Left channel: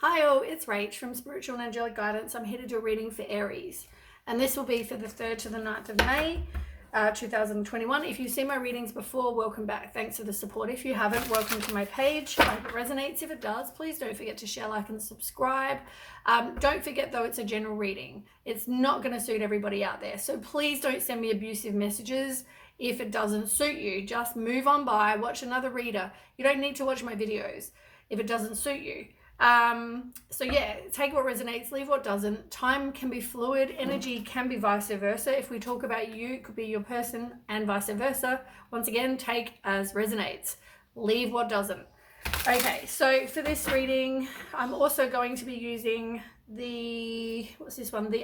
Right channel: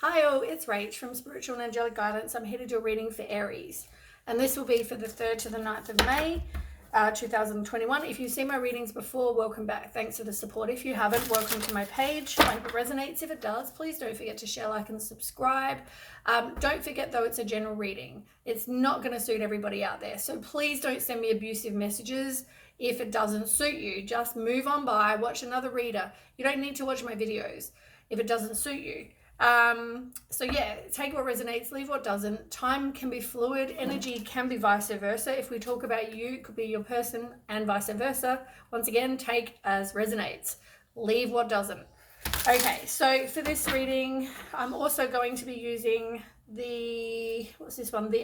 Hi all, it's Rach from Spiritual and Angelic Guidance. I'm here to do a reading for Aries, and this will be for the 3rd to the 9th of May 2021. If you've seen my readings before, welcome back. Thanks for the support. If you haven't, welcome to my page. I hope it resonates. If it does, please don't forget to share, like, and subscribe. Don't forget though, it's a general reading. It's not going to suit everybody out there, so please don't send me abusive messages if it doesn't suit you. Just move on by, watch another reader. You don't need to watch my videos if it doesn't suit you. So yeah, take what resonates, leave what doesn't. Time can be fluid, energy can be vice versa. If we talk about you, it could be your person and vice versa. Once again, take as resonates, leave what doesn't. Okay, so for this reading, I'm also going to be using the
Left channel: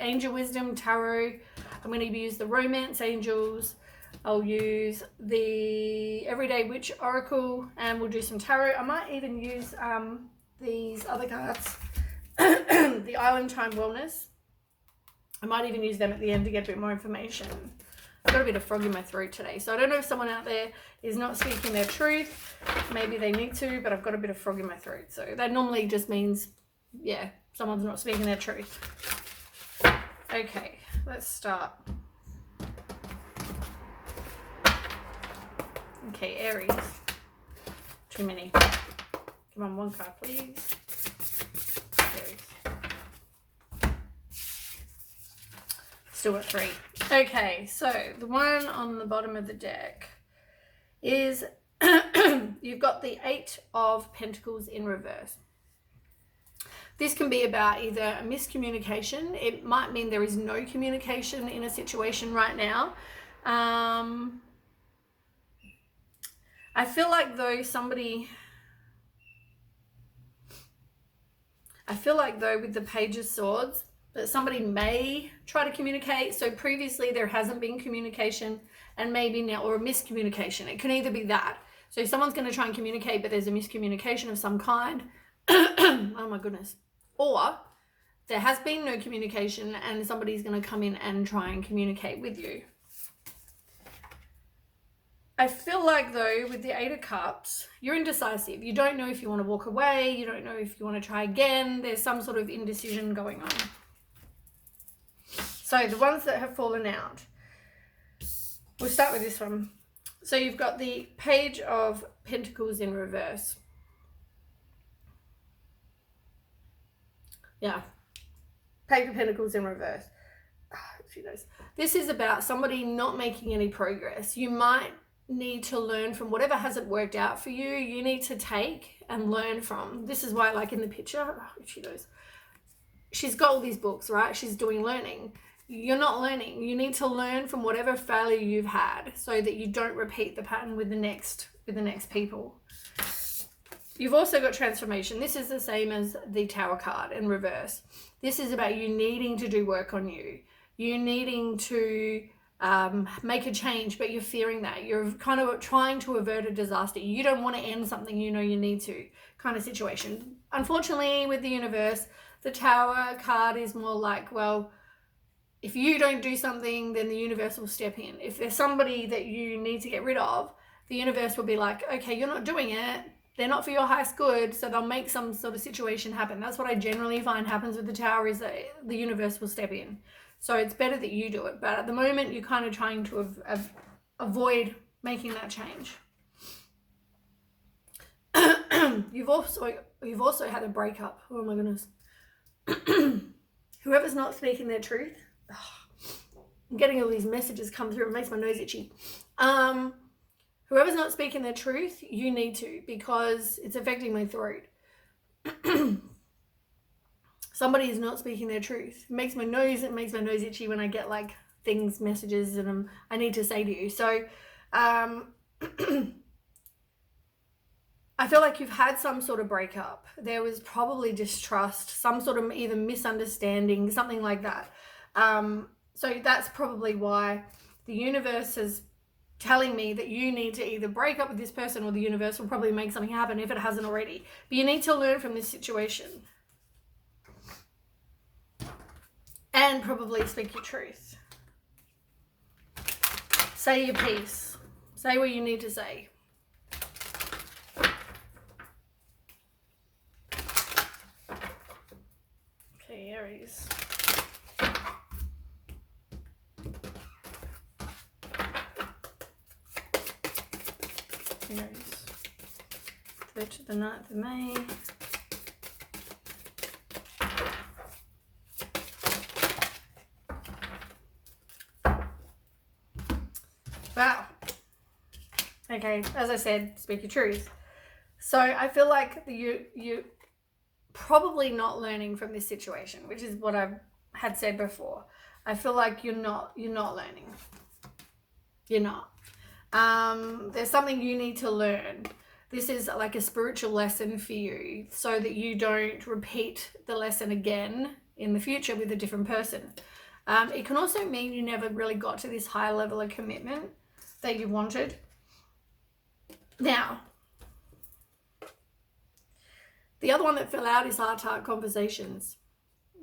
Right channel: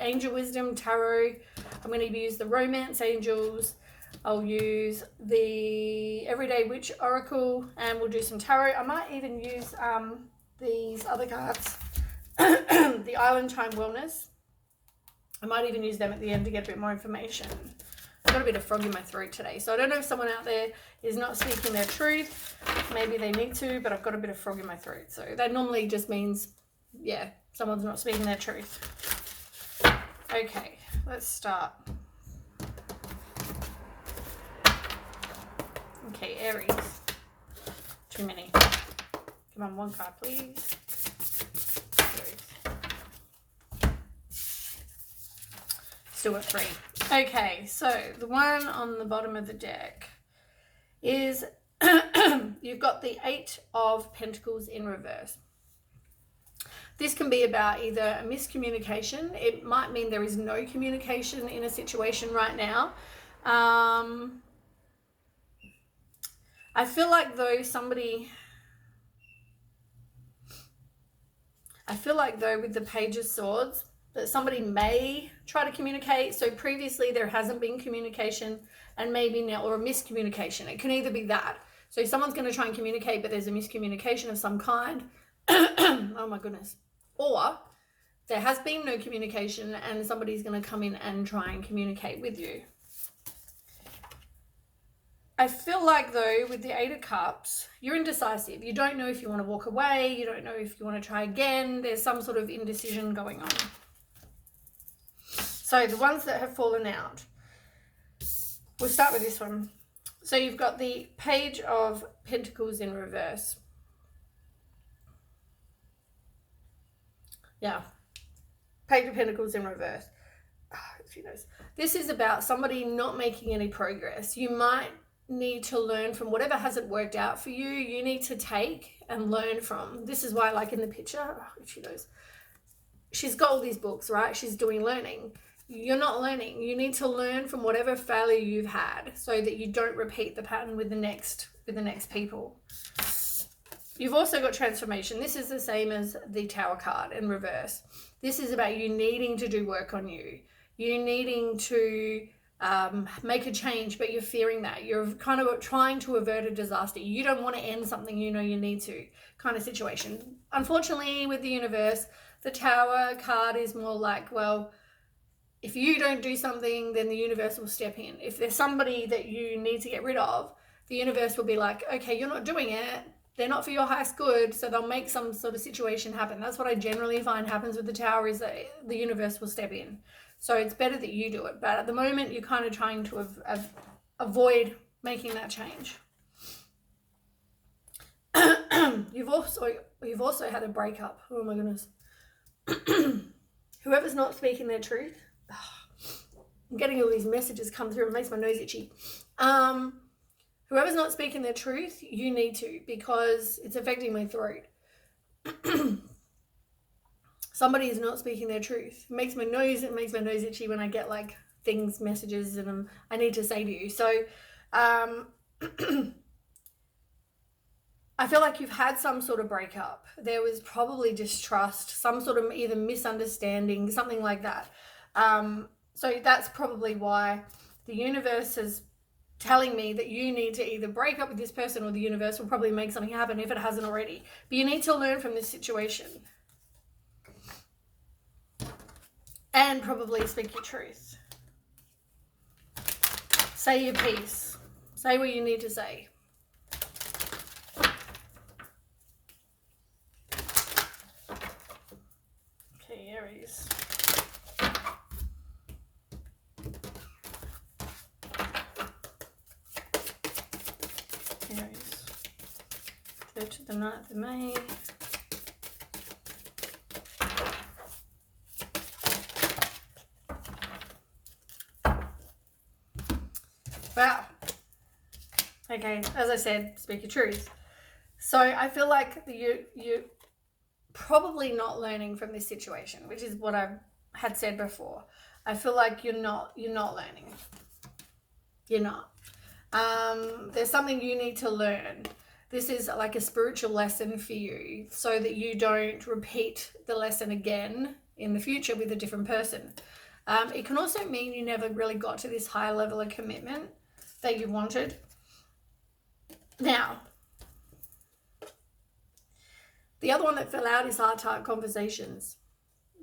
Angel Wisdom Tarot. I'm going to use the Romance Angels. I'll use the Everyday Witch Oracle, and we'll do some tarot. I might even use these other cards, the Island Time Wellness. I might even use them at the end to get a bit more information. I've got a bit of frog in my throat today, so I don't know if someone out there is not speaking their truth. Maybe they need to, but I've got a bit of frog in my throat, so that normally just means, yeah, someone's not speaking their truth. Okay, let's start. Okay, Aries. Too many. Come on, one card, please. Still got 3. Okay, so the one on the bottom of the deck is you've got the 8 of Pentacles in reverse. This can be about either a miscommunication. It might mean there is no communication in a situation right now. I feel like though with the Page of Swords, that somebody may try to communicate. So previously there hasn't been communication, and maybe now, or a miscommunication. It can either be that. So someone's going to try and communicate, but there's a miscommunication of some kind. Oh my goodness. Or there has been no communication and somebody's going to come in and try and communicate with you. I feel like though with the 8 of Cups, you're indecisive. You don't know if you want to walk away. You don't know if you want to try again. There's some sort of indecision going on. So the ones that have fallen out, we'll start with this one. So you've got the Page of Pentacles in reverse. Yeah. Page of Pentacles in reverse. This is about somebody not making any progress. You might need to learn from whatever hasn't worked out for you. You need to take and learn from. This is why, like in the picture, she's got all these books, right? She's doing learning. You're not learning. You need to learn from whatever failure you've had so that you don't repeat the pattern with the next people. You've also got transformation. This is the same as the Tower card in reverse. This is about you needing to do work on you. You needing to make a change, but you're fearing that. You're kind of trying to avert a disaster. You don't want to end something you know you need to, kind of situation. Unfortunately, with the universe, the Tower card is more like, well, if you don't do something, then the universe will step in. If there's somebody that you need to get rid of, the universe will be like, okay, you're not doing it. They're not for your highest good, so they'll make some sort of situation happen. That's what I generally find happens with the Tower, is that the universe will step in. So it's better that you do it. But at the moment, you're kind of trying to avoid making that change. You've also had a breakup. Oh my goodness. Whoever's not speaking their truth. I'm getting all these messages come through. It makes my nose itchy. Whoever's not speaking their truth, you need to, because it's affecting my throat. Somebody is not speaking their truth. It makes my nose itchy when I get like things, messages, and I need to say to you. So I feel like you've had some sort of breakup. There was probably distrust, some sort of either misunderstanding, something like that. So that's probably why the universe is telling me that you need to either break up with this person, or the universe will probably make something happen if it hasn't already. But you need to learn from this situation. And probably speak your truth. Say your piece. Say what you need to say. Aries. Aries. 3rd to the 9th of May. Wow. Okay, as I said, speak your truth. So I feel like you probably not learning from this situation, which is what I had said before. I feel like you're not learning. You're not. There's something you need to learn. This is like a spiritual lesson for you so that you don't repeat the lesson again in the future with a different person. It can also mean you never really got to this high level of commitment that you wanted. Now, the other one that fell out is heart-to-heart conversations.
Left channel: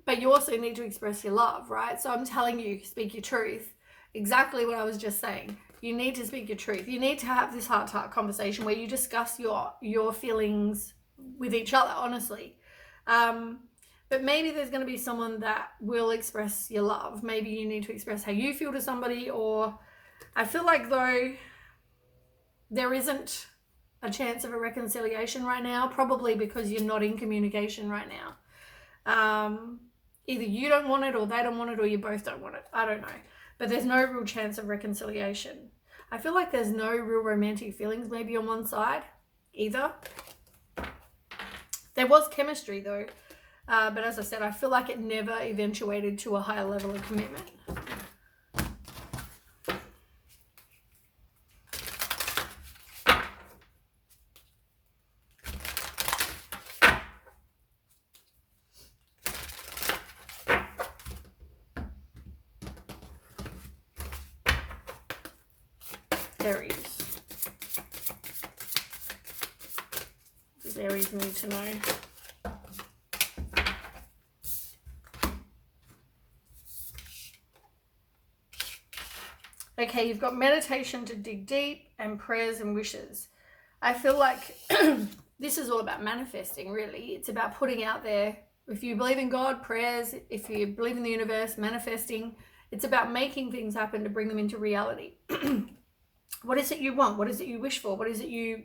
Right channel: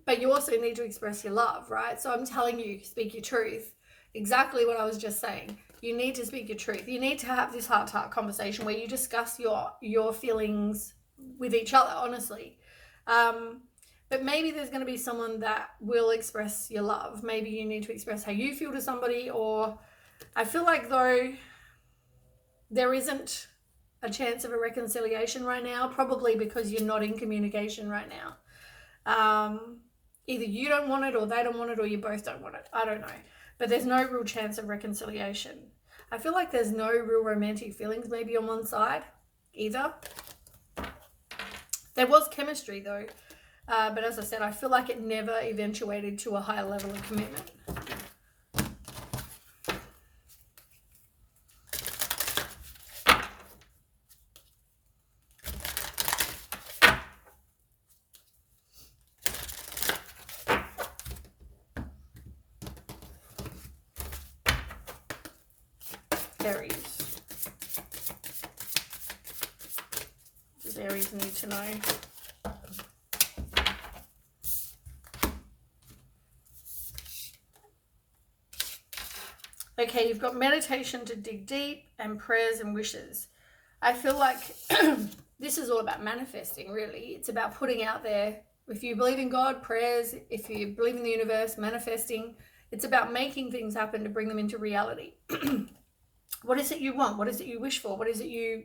But you also need to express your love, right? So I'm telling you, speak your truth. Exactly what I was just saying. You need to speak your truth. You need to have this heart-to-heart conversation where you discuss your feelings with each other, honestly. But maybe there's going to be someone that will express your love. Maybe you need to express how you feel to somebody, or I feel like though there isn't a chance of a reconciliation right now, probably because you're not in communication right now. Either you don't want it or they don't want it or you both don't want it. I don't know. But there's no real chance of reconciliation. I feel like there's no real romantic feelings maybe on one side either. There was chemistry though. But as I said, I feel like it never eventuated to a higher level of commitment. Aries. What does Aries need to know? Okay, you've got meditation to dig deep and prayers and wishes. I feel like this is all about manifesting, really. It's about putting out there. If you believe in God, prayers. If you believe in the universe, manifesting. It's about making things happen to bring them into reality. What is it you want? What is it you wish for? What is it you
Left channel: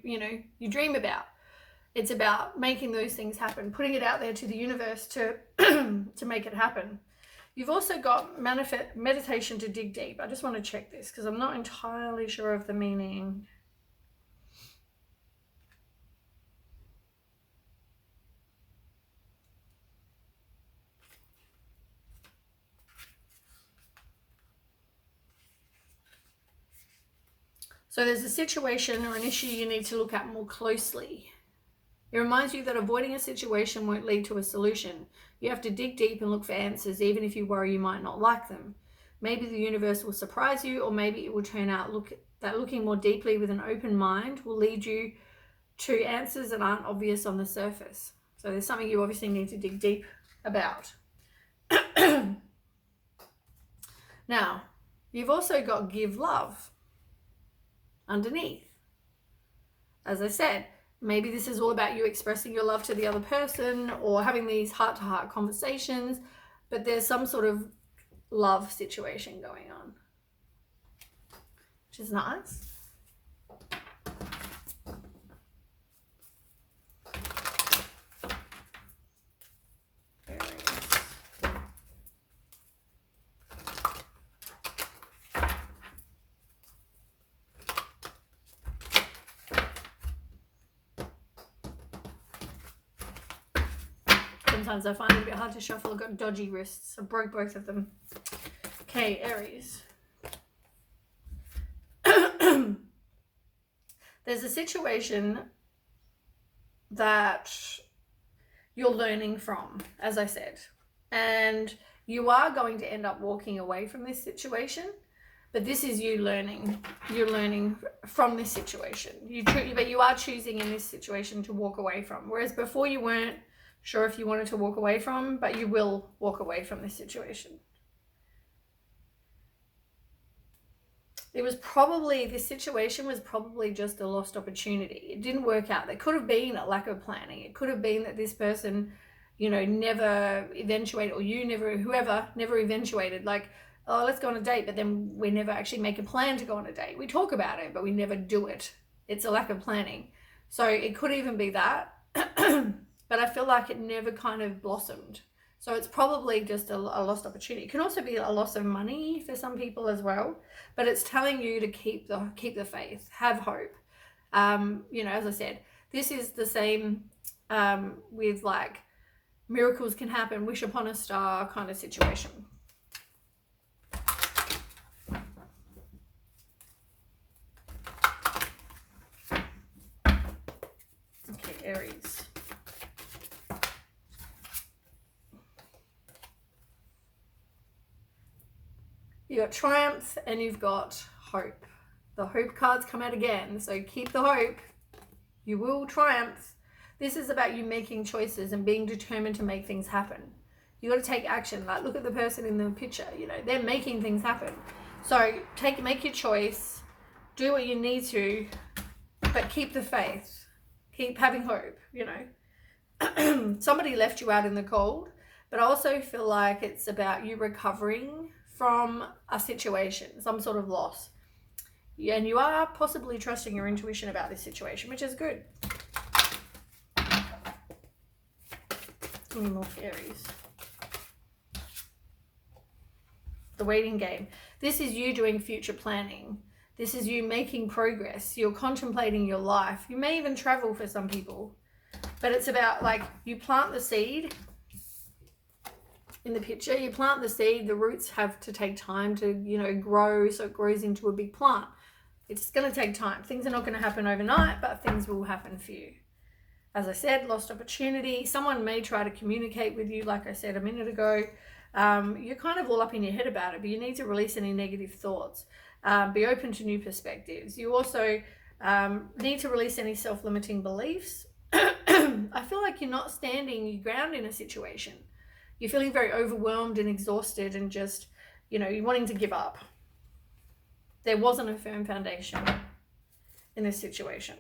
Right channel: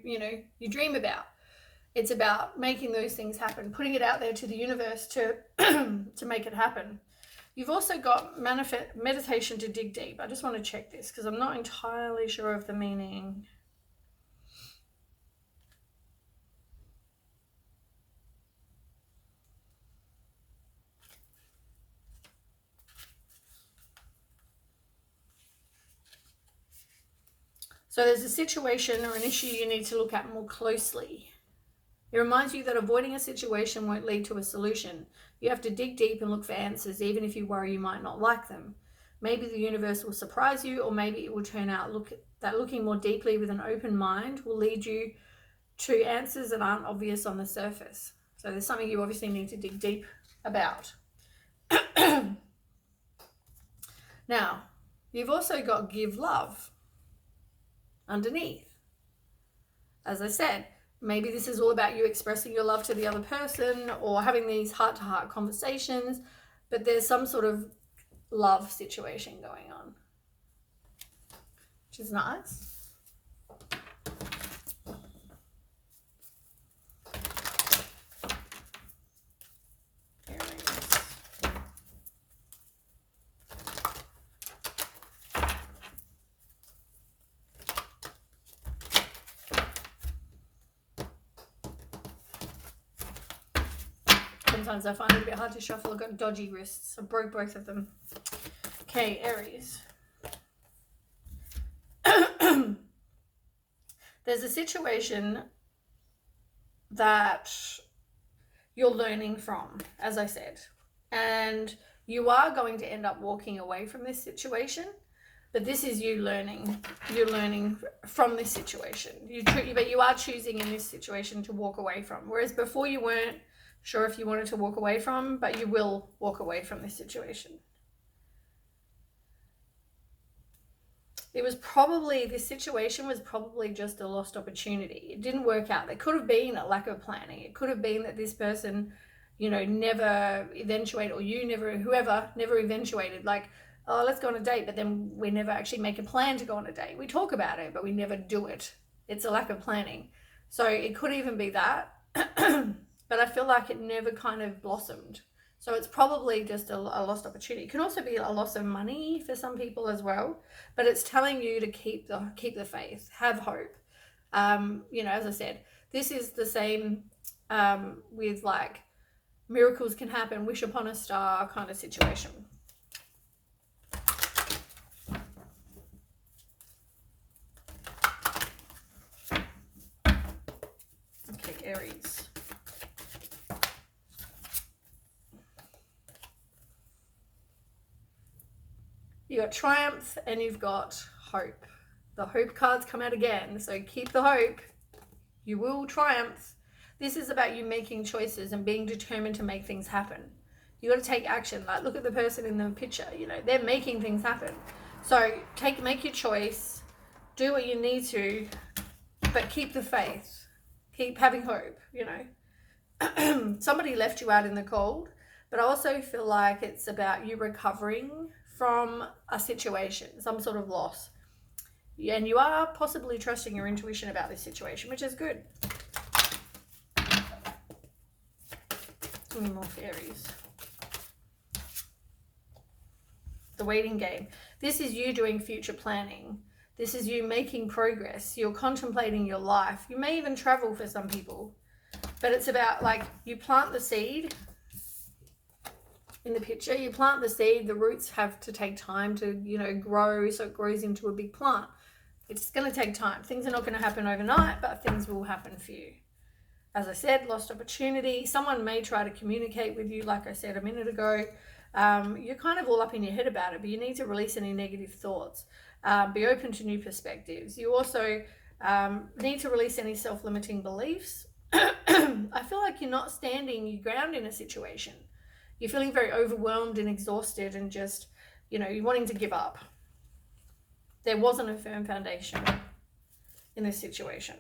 dream about? It's about making those things happen, putting it out there to the universe to to make it happen. You've also got meditation to dig deep. I just want to check this because I'm not entirely sure of the meaning. So there's a situation or an issue you need to look at more closely. It reminds you that avoiding a situation won't lead to a solution. You have to dig deep and look for answers, even if you worry you might not like them. Maybe the universe will surprise you, or maybe it will turn out that looking more deeply with an open mind will lead you to answers that aren't obvious on the surface. So there's something you obviously need to dig deep about. Now, you've also got give love underneath. As I said, maybe this is all about you expressing your love to the other person or having these heart-to-heart conversations, but there's some sort of love situation going on, which is nice. Sometimes I find it a bit hard to shuffle. I've got dodgy wrists. I broke both of them. Okay, Aries. There's a situation that you're learning from, as I said, and you are going to end up walking away from this situation, but this is you learning. You're learning from this situation. But you are choosing in this situation to walk away from, whereas before you weren't sure if you wanted to walk away from, but you will walk away from this situation. This situation was probably just a lost opportunity. It didn't work out. There could have been a lack of planning. It could have been that this person you know, never eventuate, or you never, whoever, never eventuated. Like, oh, let's go on a date, but then we never actually make a plan to go on a date. We talk about it, but we never do it. It's a lack of planning. So it could even be that. But I feel like it never kind of blossomed. So it's probably just a lost opportunity. It can also be a loss of money for some people as well. But it's telling you to keep the faith, have hope. You know, as I said, this is the same with like miracles can happen, wish upon a star kind of situation. Okay, Aries. You got triumph and you've got hope. The hope cards come out again, so keep the hope. You will triumph. This is about you making choices and being determined to make things happen. You got to take action. Like, look at the person in the picture. You know, they're making things happen. So make your choice. Do what you need to, but keep the faith. Keep having hope. You know, somebody left you out in the cold, but I also feel like it's about you recovering from a situation, some sort of loss. And you are possibly trusting your intuition about this situation, which is good. Any more fairies? The waiting game. This is you doing future planning. This is you making progress. You're contemplating your life. You may even travel for some people. But it's about, like, you plant the seed in the picture. You plant the seed. The roots have to take time to, you know, grow, so it grows into a big plant. It's going to take time. Things are not going to happen overnight, but things will happen for you. As I said, lost opportunity. Someone may try to communicate with you, like I said a minute ago. You're kind of all up in your head about it, but you need to release any negative thoughts. Be open to new perspectives. You also need to release any self-limiting beliefs. I feel like you're not standing your ground in a situation. You're feeling very overwhelmed and exhausted and just, you know, you're wanting to give up. There wasn't a firm foundation in this situation.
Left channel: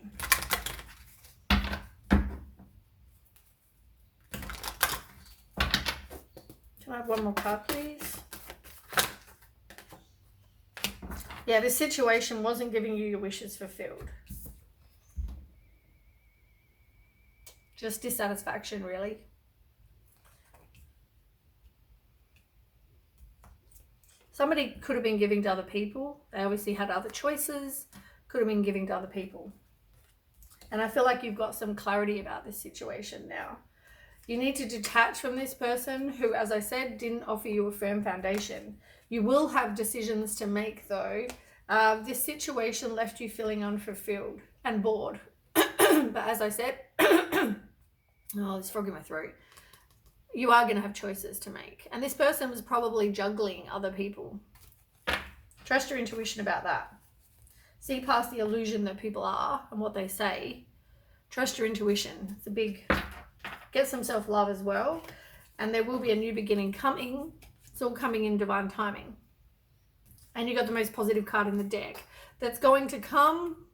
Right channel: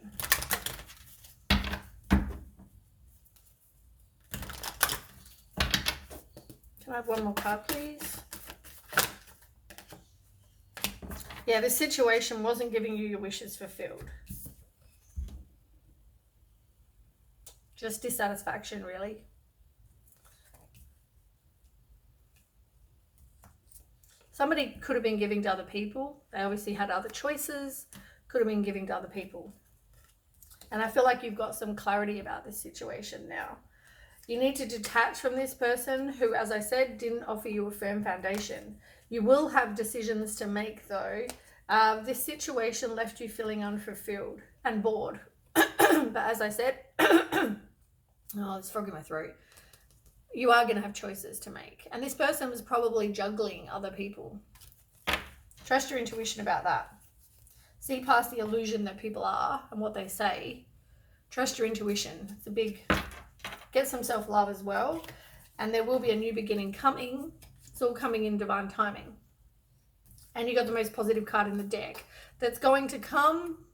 Can I have one more card, please? Yeah, this situation wasn't giving you your wishes fulfilled. Just dissatisfaction, really. Somebody could have been giving to other people. They obviously had other choices. Could have been giving to other people. And I feel like you've got some clarity about this situation now. You need to detach from this person who, as I said, didn't offer you a firm foundation. You will have decisions to make, though. This situation left you feeling unfulfilled and bored. But as I said, oh, there's frog in my throat. You are going to have choices to make. And this person was probably juggling other people. Trust your intuition about that. See past the illusion that people are and what they say. Trust your intuition. It's a big... Get some self-love as well. And there will be a new beginning coming. It's all coming in divine timing. And you got the most positive card in the deck. That's going to come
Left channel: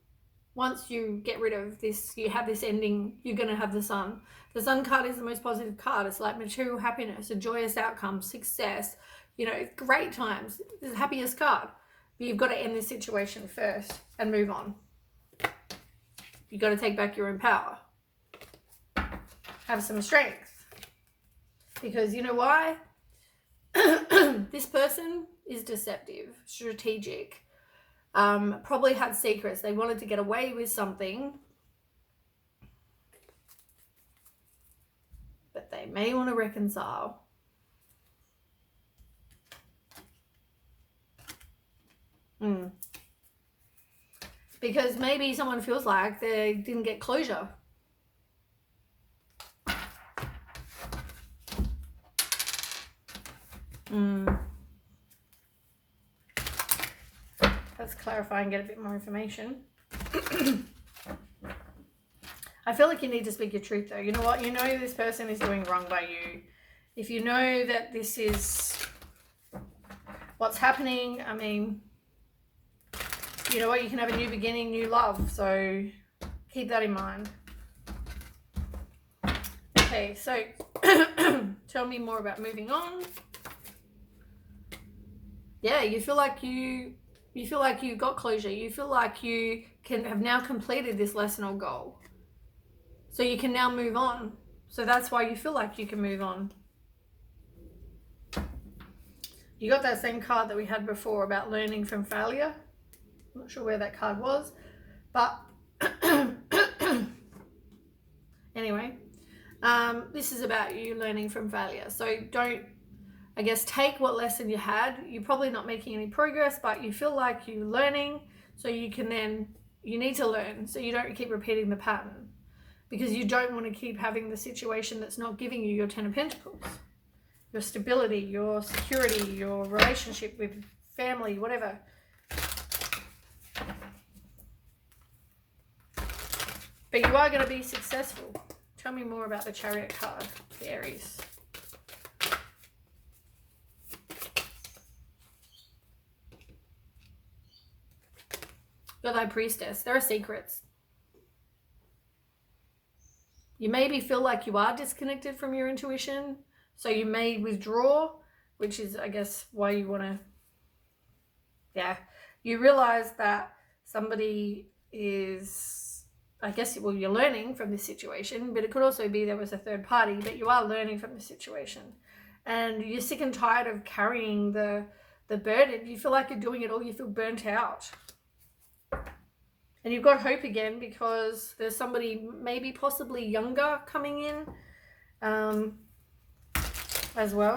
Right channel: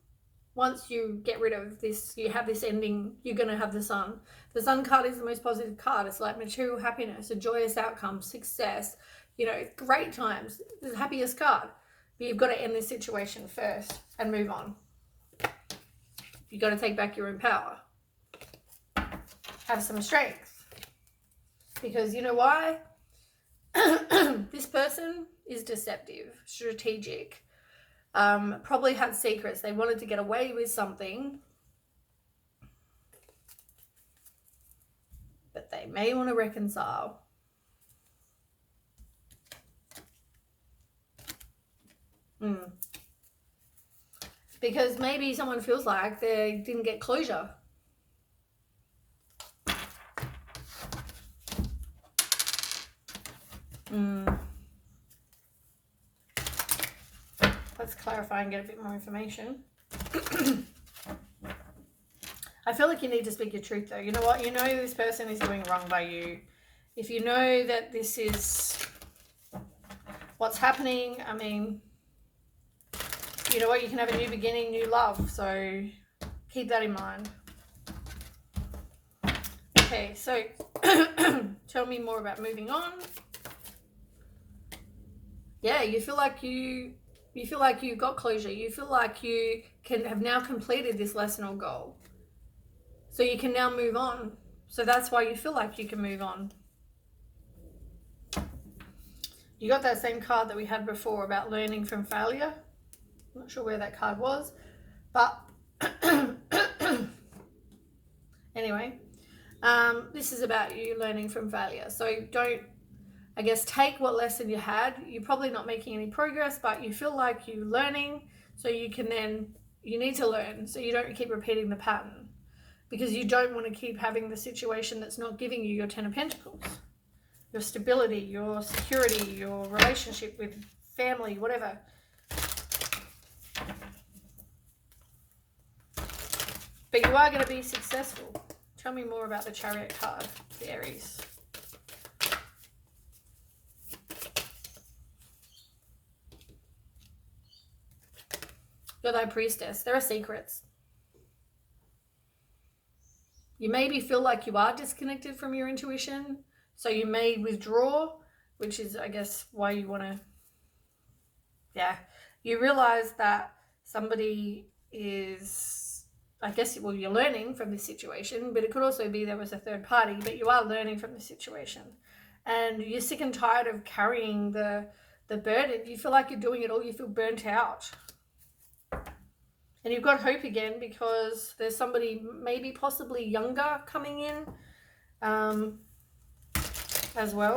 once you get rid of this. You have this ending. You're going to have the sun. The sun card is the most positive card. It's like material happiness, a joyous outcome, success. You know, great times. It's the happiest card. But you've got to end this situation first and move on. You've got to take back your own power. Have some strength, because you know why? This person is deceptive, strategic, probably had secrets. They wanted to get away with something, but they may want to reconcile. Because maybe someone feels like they didn't get closure. Let's clarify and get a bit more information. I feel like you need to speak your truth, though. You know what? You know this person is doing wrong by you. If you know that this is what's happening, I mean, you know what? You can have a new beginning, new love. So keep that in mind. Okay, so tell me more about moving on. Yeah, you feel like you got closure. You feel like you have now completed this lesson or goal. So you can now move on. So that's why you feel like you can move on. You got that same card that we had before about learning from failure. I'm not sure where that card was, but anyway, this is about you learning from failure. So don't, I guess, take what lesson you had. You're probably not making any progress, but you feel like you're learning, so you need to learn so you don't keep repeating the pattern, because you don't want to keep having the situation that's not giving you your 10 of Pentacles, your stability, your security, your relationship with family, whatever. But you are going to be successful. Tell me more about the Chariot card, the Aries. You're the High Priestess. There are secrets. You maybe feel like you are disconnected from your intuition, so you may withdraw, which is, I guess, why you want to, you realize that somebody is, I guess, well, you're learning from this situation, but it could also be there was a third party, but you are learning from the situation. And you're sick and tired of carrying the burden. You feel like you're doing it all. You feel burnt out. And you've got hope again because there's somebody maybe possibly younger coming in as well.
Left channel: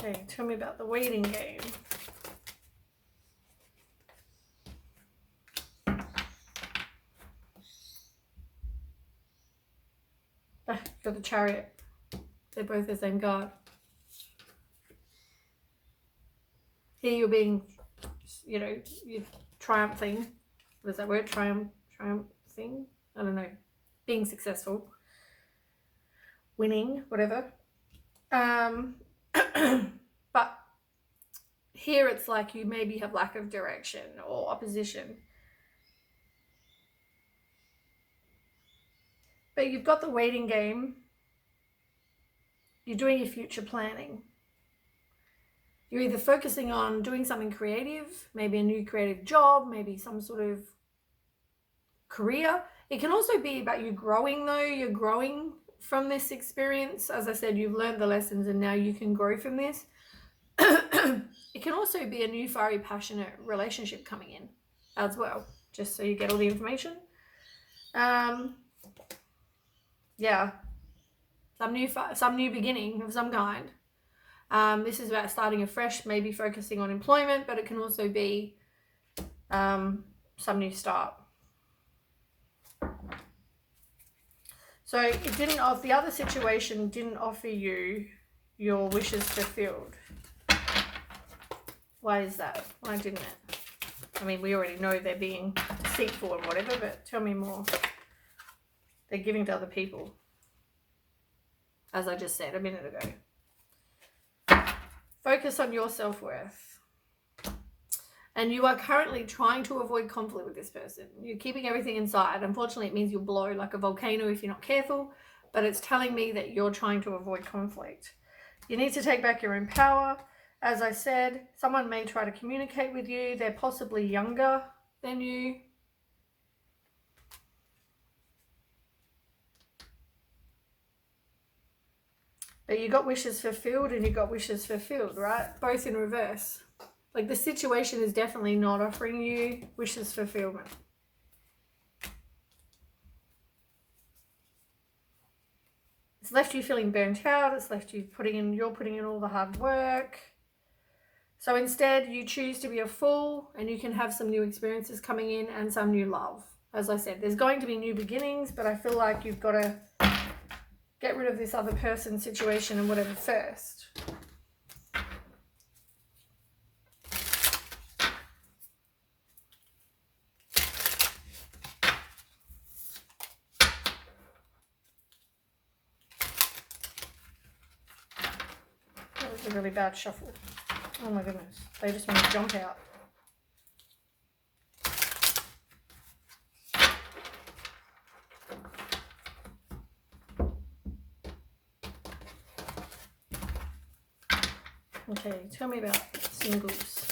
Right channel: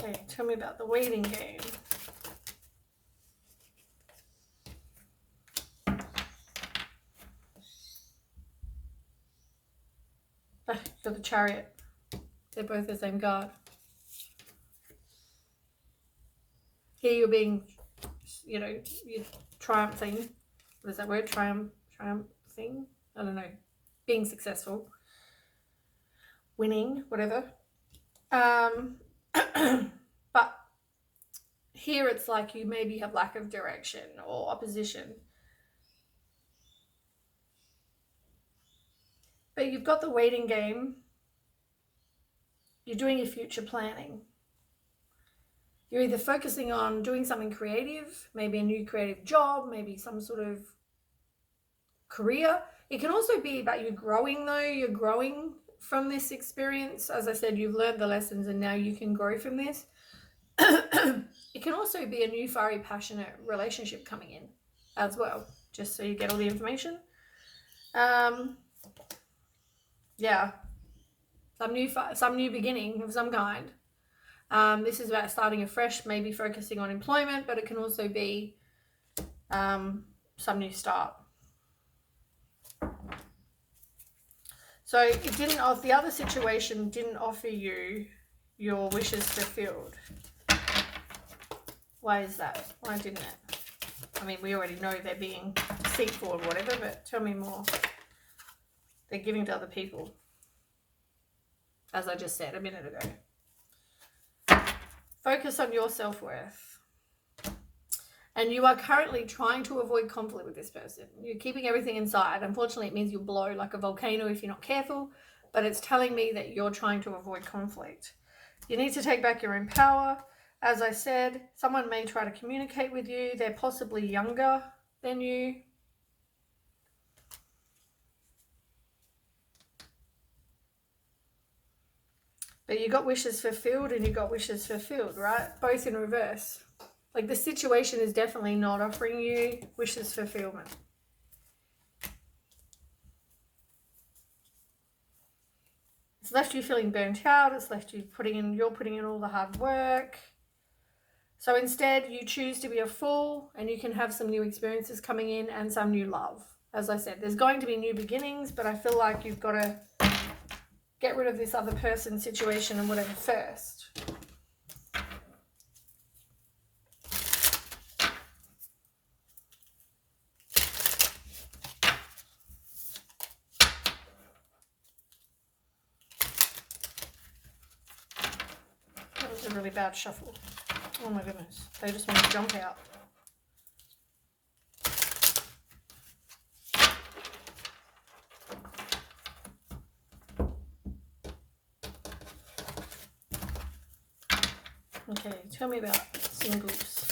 Okay, tell me about the waiting game. For the Chariot. They're both the same card. Here you're being, you're triumphing. What is that word? Triumphing? I don't know. Being successful. Winning, whatever. But here it's like you maybe have lack of direction or opposition. But you've got the waiting game. You're doing your future planning. You're either focusing on doing something creative, maybe a new creative job, maybe some sort of career. It can also be about you growing though. You're growing from this experience. As I said, you've learned the lessons and now you can grow from this. It can also be a new, fiery, passionate relationship coming in as well, just so you get all the information. Yeah, some new beginning of some kind. This is about starting afresh, maybe focusing on employment, but it can also be some new start. So it didn't, the other situation didn't offer you your wishes fulfilled. Why is that? Why didn't it? I mean, we already know they're being deceitful or whatever, but tell me more. They're giving to other people, as I just said a minute ago. Focus on your self-worth. And you are currently trying to avoid conflict with this person. You're keeping everything inside. Unfortunately, it means you'll blow like a volcano if you're not careful, but it's telling me that you're trying to avoid conflict. You need to take back your own power. As I said, someone may try to communicate with you. They're possibly younger than you. But you got wishes fulfilled and you got wishes fulfilled, right? Both in reverse. Like the situation is definitely not offering you wishes fulfillment. It's left you feeling burnt out. It's left you you're putting in all the hard work. So instead you choose to be a fool and you can have some new experiences coming in and some new love. As I said, there's going to be new beginnings, but I feel like you've got to get rid of this other person, situation and whatever first. That was a really bad shuffle. Oh my goodness. They just want to jump out. Okay, tell me about singles.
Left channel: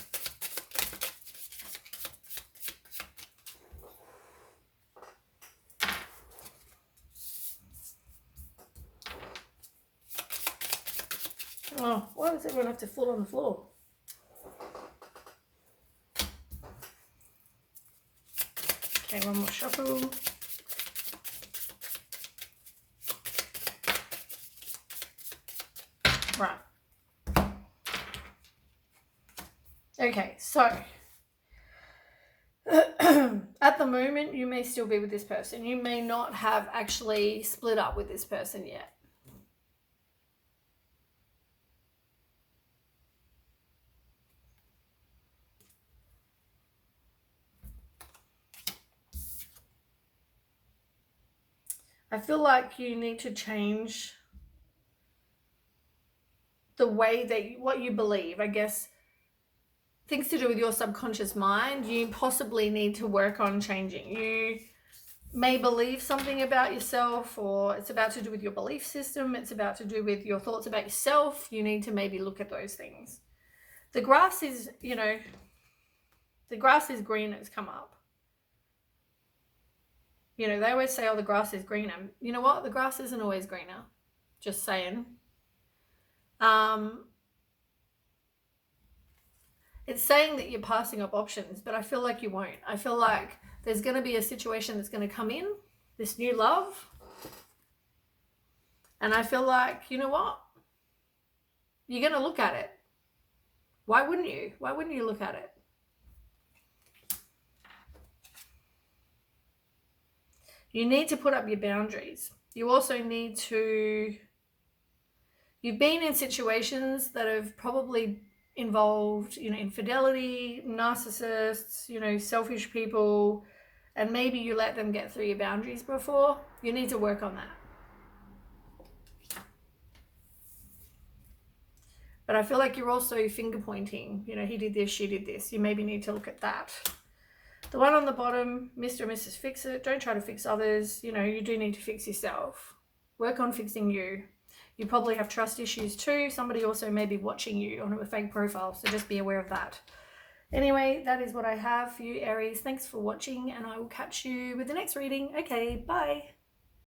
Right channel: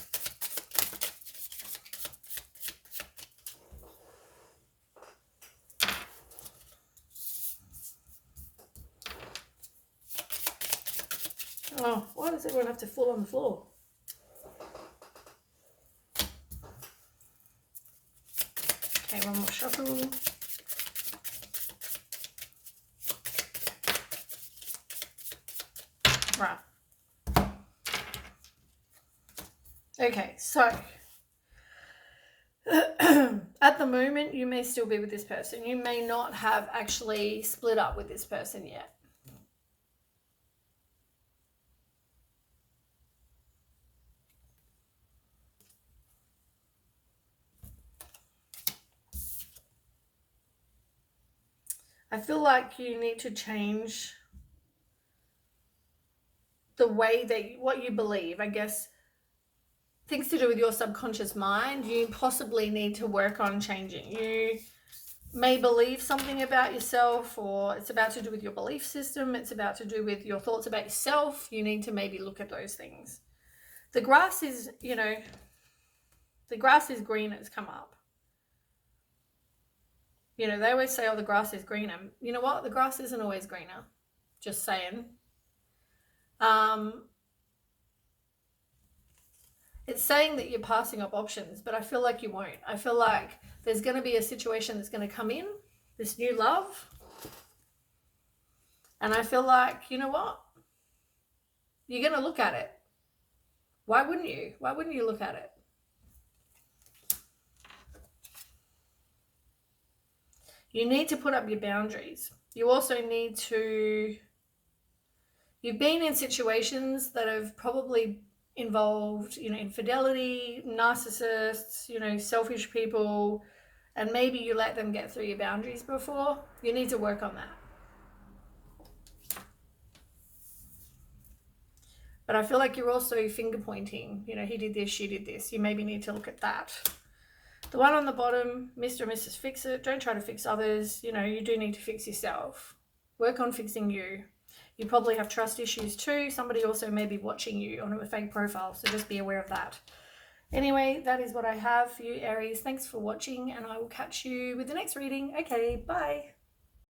Oh, why does everyone have to fall on the floor? Okay, one more shuffle. Right. Okay, so at the moment, you may still be with this person. You may not have actually split up with this person yet. I feel like you need to change the way that what you believe. I guess things to do with your subconscious mind, you possibly need to work on changing. You may believe something about yourself, or it's about to do with your belief system. It's about to do with your thoughts about yourself. You need to maybe look at those things. The grass is, the grass is green, it's come up. They always say, oh, the grass is greener. You know what? The grass isn't always greener. Just saying. It's saying that you're passing up options, but I feel like you won't. I feel like there's going to be a situation that's going to come in, this new love. And I feel like, you know what? You're going to look at it. Why wouldn't you? Why wouldn't you look at it? You need to put up your boundaries. You also need to... You've been in situations that have probably involved, infidelity, narcissists, selfish people, and maybe you let them get through your boundaries before. You need to work on that. But I feel like you're also finger pointing. He did this, she did this. You maybe need to look at that. The one on the bottom, Mr. and Mrs. Fix It. Don't try to fix others. You do need to fix yourself. Work on fixing you. You probably have trust issues too. Somebody also may be watching you on a fake profile, so just be aware of that. Anyway, that is what I have for you, Aries. Thanks for watching, and I will catch you with the next reading. Okay, bye.